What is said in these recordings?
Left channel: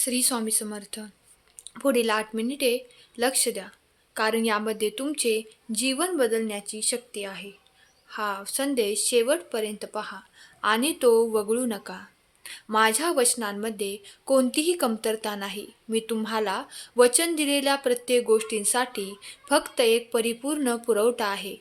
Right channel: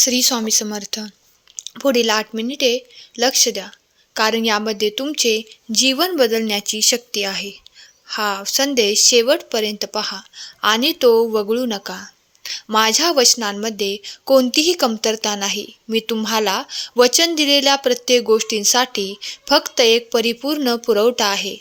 श्री स्वामी समर्थ. पुढील आठ मिनिटे लक्ष द्या कारण यामध्ये तुमचे जीवन बदलण्याची शक्ती आहे. हा संदेश शेवटपर्यंत पहा आणि तो वगळू नका. माझ्या वचनांमध्ये कोणतीही कमतरता नाही. मी तुम्हाला वचन दिलेल्या प्रत्येक गोष्टींसाठी फक्त एक परिपूर्ण पुरवठा आहे.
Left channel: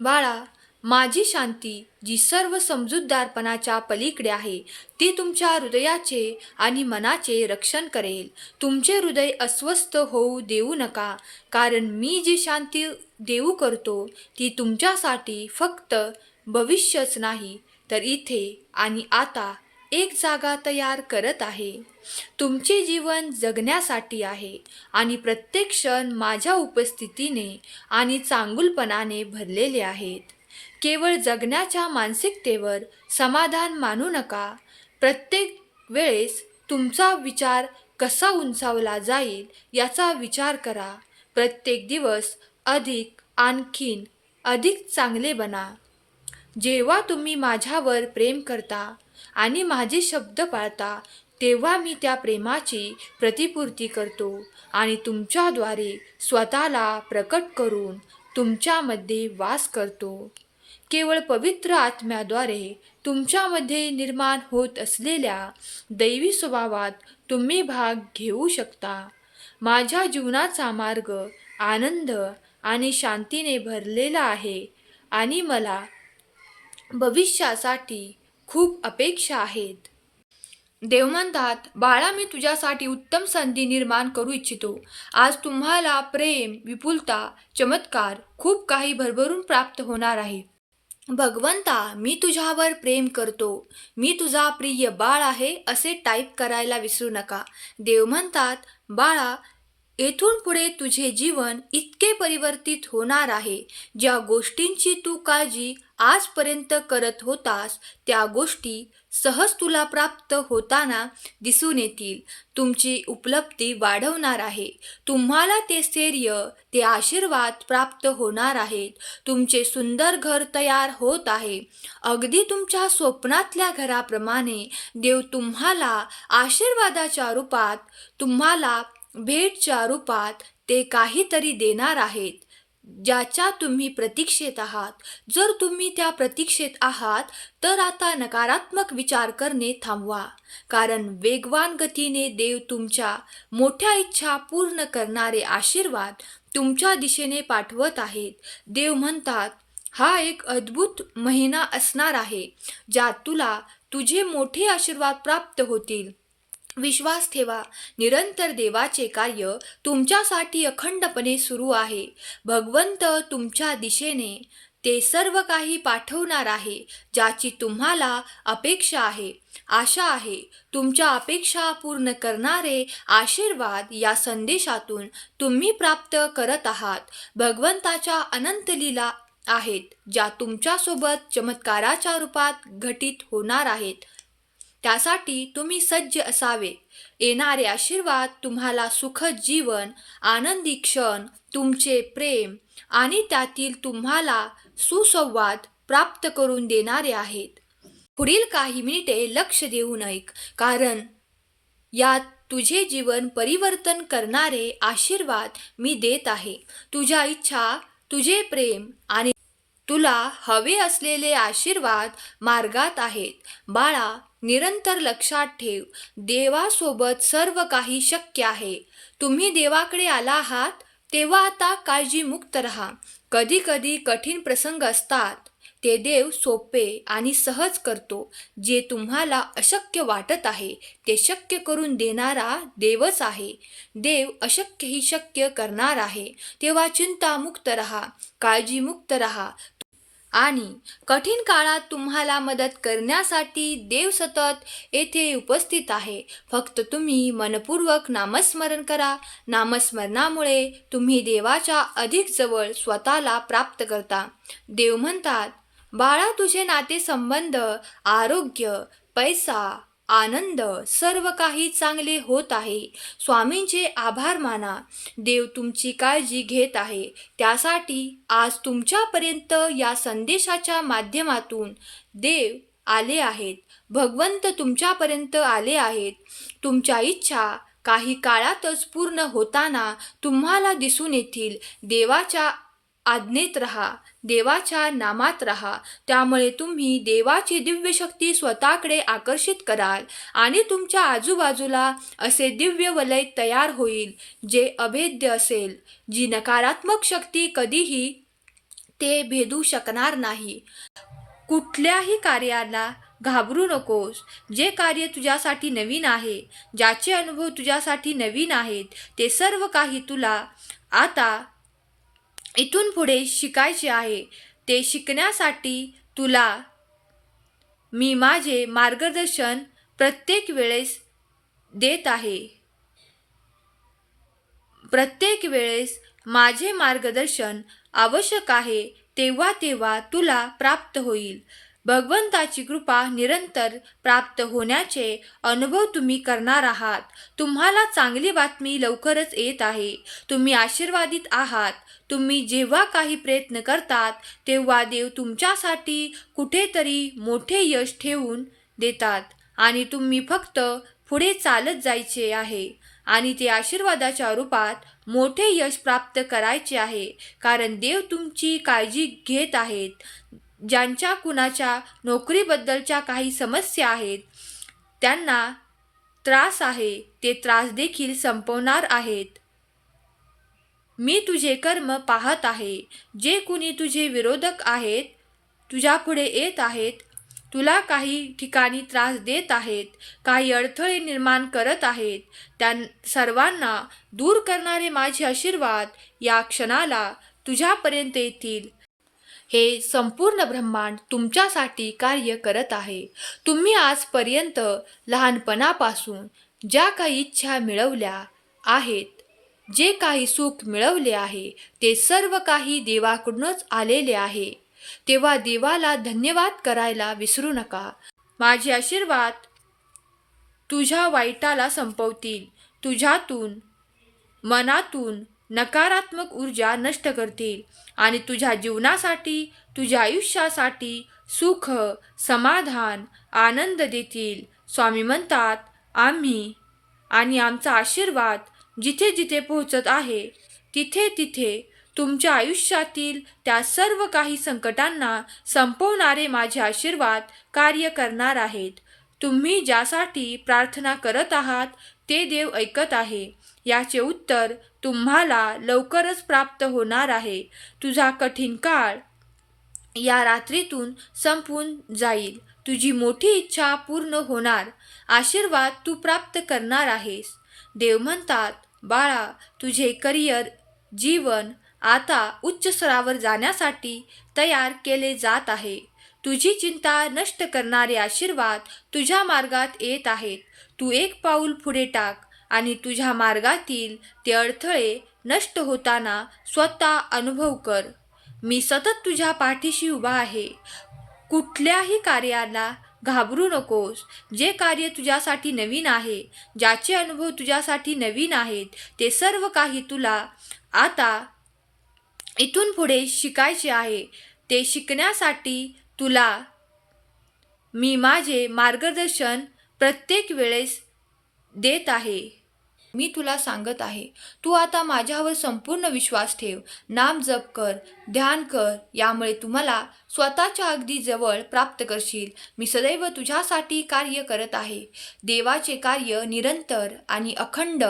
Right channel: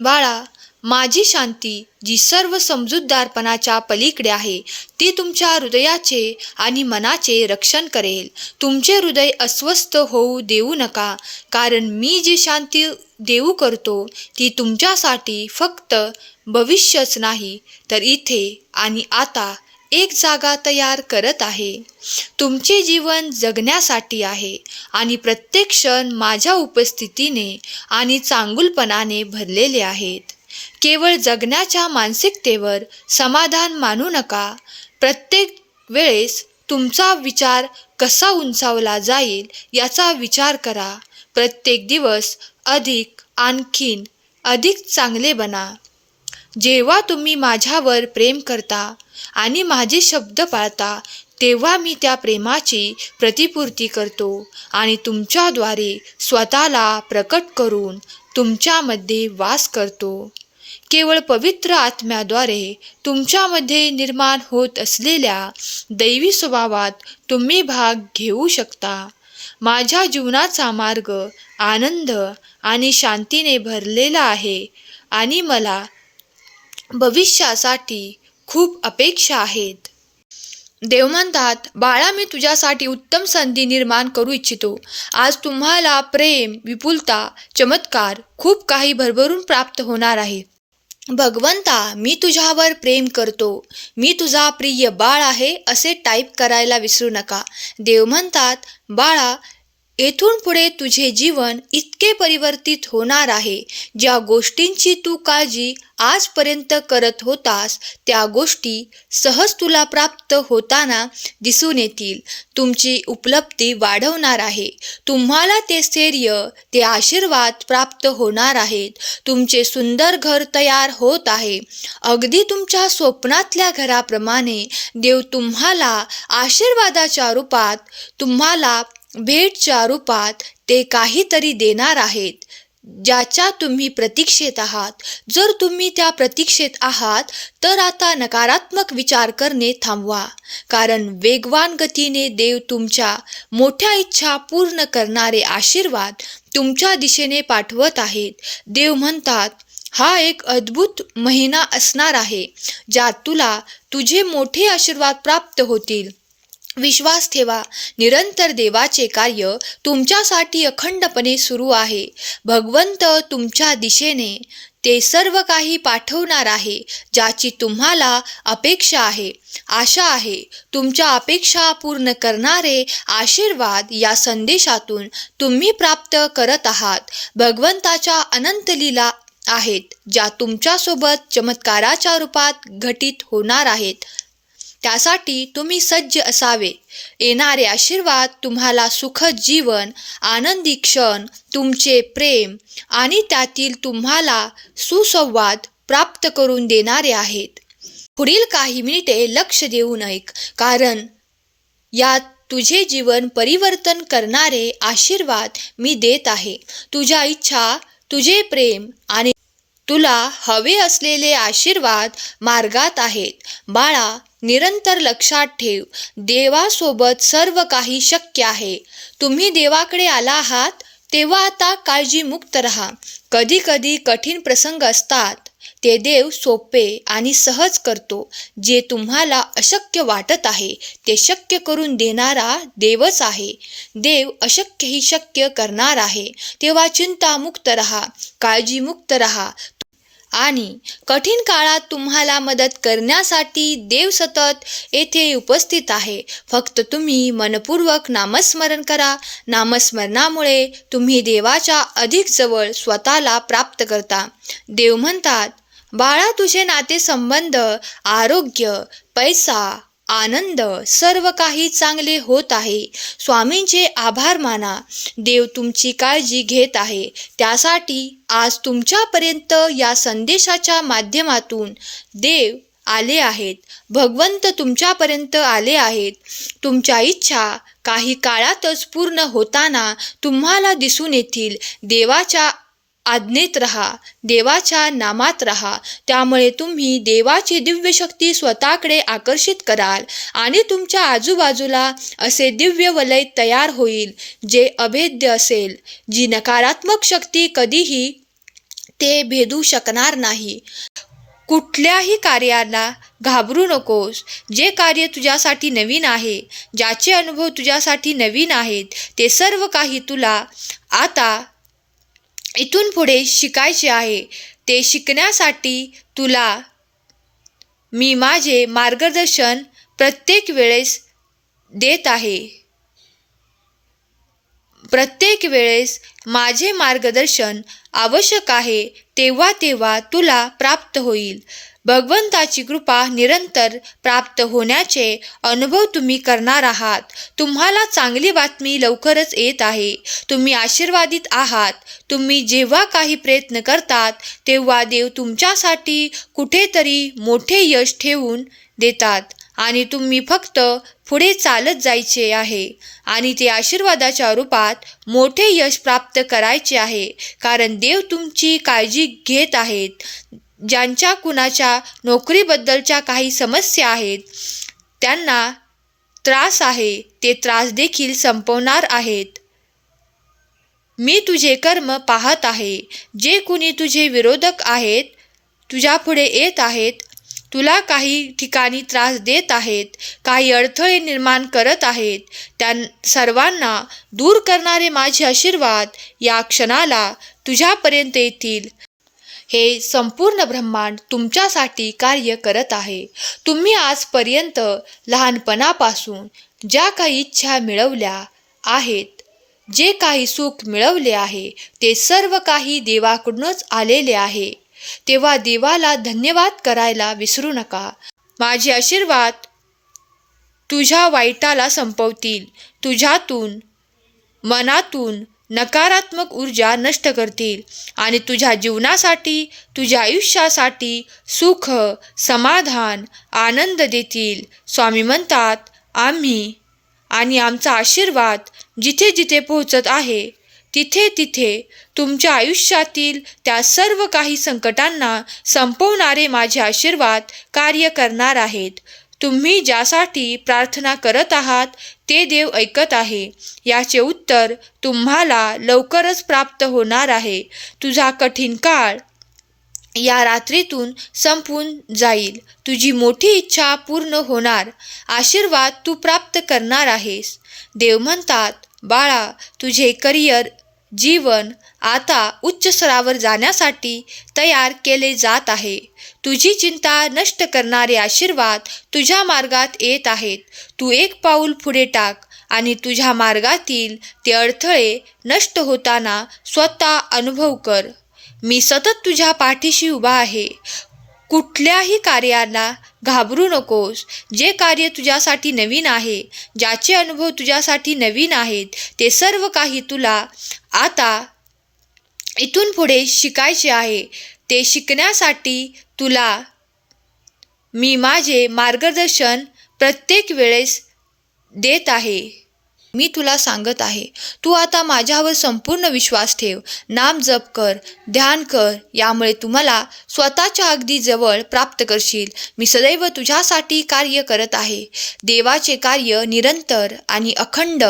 बाळा माझी शांती जी सर्व समजूतदारपणाच्या पलीकडे आहे ती तुमच्या हृदयाचे आणि मनाचे रक्षण करेल. तुमचे हृदय अस्वस्थ होऊ देऊ नका कारण मी जी शांती देऊ करतो ती तुमच्यासाठी फक्त भविष्यच नाही तर इथे आणि आता एक जागा तयार करत आहे. तुमचे जीवन जगण्यासाठी आहे आणि प्रत्येक क्षण माझ्या उपस्थितीने आणि चांगुलपणाने भरलेले आहेत. केवळ जगण्याच्या मानसिकतेवर समाधान मानू नका. प्रत्येक वेळेस तुमचा विचार कसा उंचावला जाईल याचा विचार करा. प्रत्येक दिवस अधिक आणखीन अधिक चांगले बना. जेव्हा तुम्ही माझ्यावर प्रेम करता आणि माझे शब्द पाळता तेव्हा मी त्या प्रेमाची प्रतिपूर्ती करतो आणि तुमच्याद्वारे स्वतःला प्रकट करून तुमच्यामध्ये वास करतो. केवळ पवित्र आत्म्याद्वारे तुमच्यामध्ये निर्माण होत असलेल्या दैवी स्वभावात तुम्ही भाग घेऊ शकता. माझ्या जीवनाचा मार्ग आनंद आणि शांतीने भरलेला आहे आणि मला भविष्यासाठी खूप अपेक्षा आहेत. देव म्हणतात बाळा मी तुझ्यासाठी उत्तम संधी निर्माण करू इच्छितो. आज तुम्हाला प्रेम विपुलता चमत्कार खूप काही भरभरून प्राप्त होणार आहे. भगवंता मी तुझ्यावर प्रेम करतो. मी तुझा प्रिय बाळ आहे असे टाईप करायला विसरू नका. देव म्हणतात बाळा येथून पुढे तुझे जीवन इतके परिवर्तित होणार आहे. ज्या गोष्टींची तू काळजी आजपर्यंत करत होतास त्या गोष्टी सहज तुला प्राप्त होताना दिसून येतील. तुमची उपलब्धी वाढवणार आहे. तुम्हाला ते स्थैर्य ते आशीर्वाद प्राप्त होणार आहेत. तुमचे सुंदर घर तयार होत आहे. अगदी तुमच्या स्वप्नातल्या घराप्रमाणे देव तुम्हाला आशीर्वादाच्या रूपात तुम्हाला भेटच्या रूपात ते काहीतरी देणार आहेत ज्याच्या तुम्ही प्रतीक्षेत आहात. जर तुम्ही त्या प्रतीक्षेत आहात तर आता नकारात्मक विचार करणे थांबवा. कारण वेगवान गतीने देव तुमच्या मोठ्या इच्छा पूर्ण करणारे आशीर्वाद तुमच्या दिशेने पाठवत आहेत. देव म्हणतात हा एक अद्भुत महिना असणार आहे ज्यात तुला तुझे मोठे आशीर्वाद प्राप्त होतील. विश्वास ठेवा. निरंतर देवाचे कार्य तुमच्यासाठी अखंडपणे सुरू आहे. भगवंत तुमच्या दिशेने ते सर्व काही पाठवणार आहे ज्याची तुम्हाला अपेक्षा आहे. आशा आहे तुमच्या अपेक्षा पूर्ण करणारे आशीर्वाद या संदेशातून तुम्ही प्राप्त करत आहात. भगवंताच्या अनंत लीला आहेत ज्या तुमच्यासोबत चमत्काराच्या रूपात घटित होणार आहेत. त्यासाठी तुम्ही सज्ज असावे. येणारे आशीर्वाद तुम्हाला सुखद जीवन आनंदी क्षण तुमचे प्रेम आणि त्यातील तुम्हाला सुसंवाद प्राप्त करून देणारे आहेत. पुढील काही मिनिटे लक्ष देऊन ऐक कारण यात तुझे जीवन परिवर्तन करणारे आशीर्वाद मी देत आहे. तुझ्या इच्छा तुझे प्रेम आणि तुला हवे असलेले आशीर्वाद मार्गात आहेत. बाळा निरंतर लक्षात ठेव. देवासोबत सर्व काही शक्य आहे. तुम्ही देवाकडे आला आहात तेव्हा आता काळजीमुक्त राहा. कधी कधी कठीण प्रसंग असतात. ते देव सोपे आणि सहज करतो. जे तुम्हाला अशक्य वाटत आहे ते शक्य करून देणारा देवच आहे. देव अशक्यही शक्य करणार आहे. तेव्हा चिंतामुक्त रहा. काळजीमुक्त रहा. आणि कठीण काळात तुम्हाला मदत करण्यासाठी देव सतत येथे उपस्थित आहे. फक्त तुम्ही मनपूर्वक नामस्मरण करा. नामस्मरणामुळे तुम्ही देवाच्या अधिक जवळ स्वतःला प्राप्त करता. देव म्हणतात बाळा तुझे नातेसंबंध आरोग्य पैसा आनंद सर्व काही चांगले होत आहे. स्वामींचे आभार माना. देव तुमची काळजी घेत आहे. त्यासाठी आज तुमच्यापर्यंत या संदेशाच्या माध्यमातून देव आले आहेत. भगवंत तुमच्यापर्यंत आले आहेत. तुमच्या इच्छा काही काळातच पूर्ण होताना तुम्हाला दिसून येतील. देवाच्या आज्ञेत रहा देवाच्या नामात रहा. त्यामुळे तुम्ही देवाची दिव्य शक्ती स्वतःकडे आकर्षित कराल आणि तुमच्या आजूबाजूला असे दिव्य वलय तयार होईल जे अभेद्य असेल जी नकारात्मक शक्ती कधीही ते भेदू शकणार नाही. कुठल्याही कार्याला घाबरू नकोस. जे कार्य तुझ्यासाठी नवीन आहे ज्याचे अनुभव तुझ्यासाठी नवीन आहेत ते सर्व काही तुला आता इथून पुढे शिकायचे आहे ते शिकण्यासाठी तुला मी माझे मार्गदर्शन प्रत्येक वेळेस देत आहे. प्रत्येक वेळेस माझे मार्गदर्शन आवश्यक आहे तेव्हा तेव्हा तुला प्राप्त होईल. भगवंताची कृपा निरंतर प्राप्त होण्याचे अनुभव तुम्ही करणार आहात. तुम्हाला चांगली बातमी लवकरच येत आहे. तुम्ही आशीर्वादित आहात. तुम्ही जेव्हा काही प्रयत्न करतात तेव्हा देव तुमच्यासाठी कुठेतरी मोठे यश ठेवून देतात. आणि तुम्ही फक्त पुढे चालत जायचे आहे. आणि ते आशीर्वादाच्या रूपात मोठे यश प्राप्त करायचे आहे. कारण देव तुमची काळजी घेत आहेत. ज्यांच्या कुणाच्या नोकरीबद्दलच्या काही समस्या आहेत त्यांना त्रास आहे. ते त्रास देखील संपवणार आहेत. मी तुझे कर्म पाहत आहे. जे कुणी तुझे विरोधक आहेत तुझ्यापुढे येत आहेत तुला काही ठिकाणी त्रास देत आहेत काही अडथळे निर्माण करत आहेत त्या सर्वांना दूर करणारे माझे आशीर्वाद या क्षणाला तुझ्यापर्यंत येतील. हे संपूर्ण ब्रह्मांड तुमच्यासाठी कार्य करत आहे. तुम्ही आजपर्यंत लहानपणापासून ज्या काही इच्छा मिळवल्या आहेत जे काही सुख मिळवले आहे ते सर्व काही देवाकडूनच आलेले आहे. तेव्हा देवाला धन्यवाद करायला विसरू नका. माझे आशीर्वाद तुझ्या वाईटाला संपवतील. तुझ्यातून मनातून नकारात्मक ऊर्जा नष्ट करतील आणि तुझ्या जीवनासाठी तुझ्या आयुष्यासाठी सुख समाधान आनंद देतील. स्वामी म्हणतात आम्ही आणि आमचा आशीर्वाद जिथे जिथे पोहोचत आहे तिथे तिथे तुमच्या आयुष्यातील त्या सर्व काही संकटांना संपवणारे माझे आशीर्वाद कार्य करणार आहेत. तुम्ही ज्यासाठी प्रार्थना करत आहात ते देव ऐकत आहे. याचे उत्तर तुम्हाला लवकरच प्राप्त होणार आहे. तुझा कठीण काळ या रात्रीतून संपून जाईल. तुझी मोठी इच्छा पूर्ण होणार. आशीर्वाद तू प्राप्त करणार आहेस. देव म्हणतात बाळा तुझे करिअर जीवन आता उच्च स्तरावर जाण्यासाठी तयार केले जात आहे. तुझी चिंता नष्ट करणारे आशीर्वाद तुझ्या मार्गात येत आहेत. तू एक पाऊल पुढे टाक आणि तुझ्या मार्गातील ते अडथळे नष्ट होताना स्वतः अनुभव कर. मी सतत तुझ्या पाठीशी उभा आहे. कुठल्याही कार्याला घाबरू नकोस. जे कार्य तुझ्यासाठी नवीन आहे ज्याचे अनुभव तुझ्यासाठी नवीन आहेत ते सर्व काही तुला आता इथून पुढे शिकायचे आहे. ते शिकण्यासाठी तुला मी माझे मार्गदर्शन प्रत्येक वेळेस देत आहे. मी तुला सांगत आहे. तू आता माझ्यावर संपूर्ण विश्वास ठेव. नाम जप कर ध्यान कर. यामुळे तुम्हाला स्वतःच्या अगदी जवळ प्राप्त करशील. मी सदैव तुझ्यासाठी कार्य करत आहे. देवाचे कार्य निरंतर आणि अखंड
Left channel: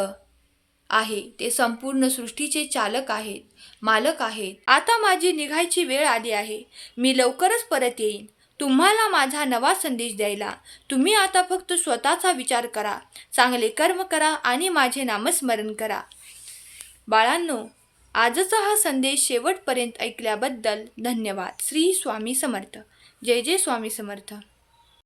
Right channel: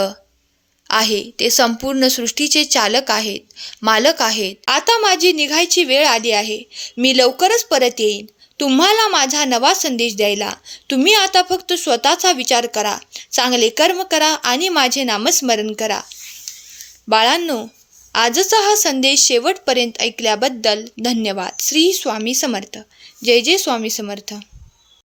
आहे. ते संपूर्ण सृष्टीचे चालक आहेत मालक आहेत. आता माझी निघायची वेळ आली आहे. मी लवकरच परत येईन. तुम्हाला माझा नवा संदेश द्यायला. तुम्ही आता फक्त स्वतःचा विचार करा. चांगले कर्म करा आणि माझे नामस्मरण करा. बाळांनो आजचा हा संदेश शेवटपर्यंत ऐकल्याबद्दल धन्यवाद. श्री स्वामी समर्थ. जय जय स्वामी समर्थ.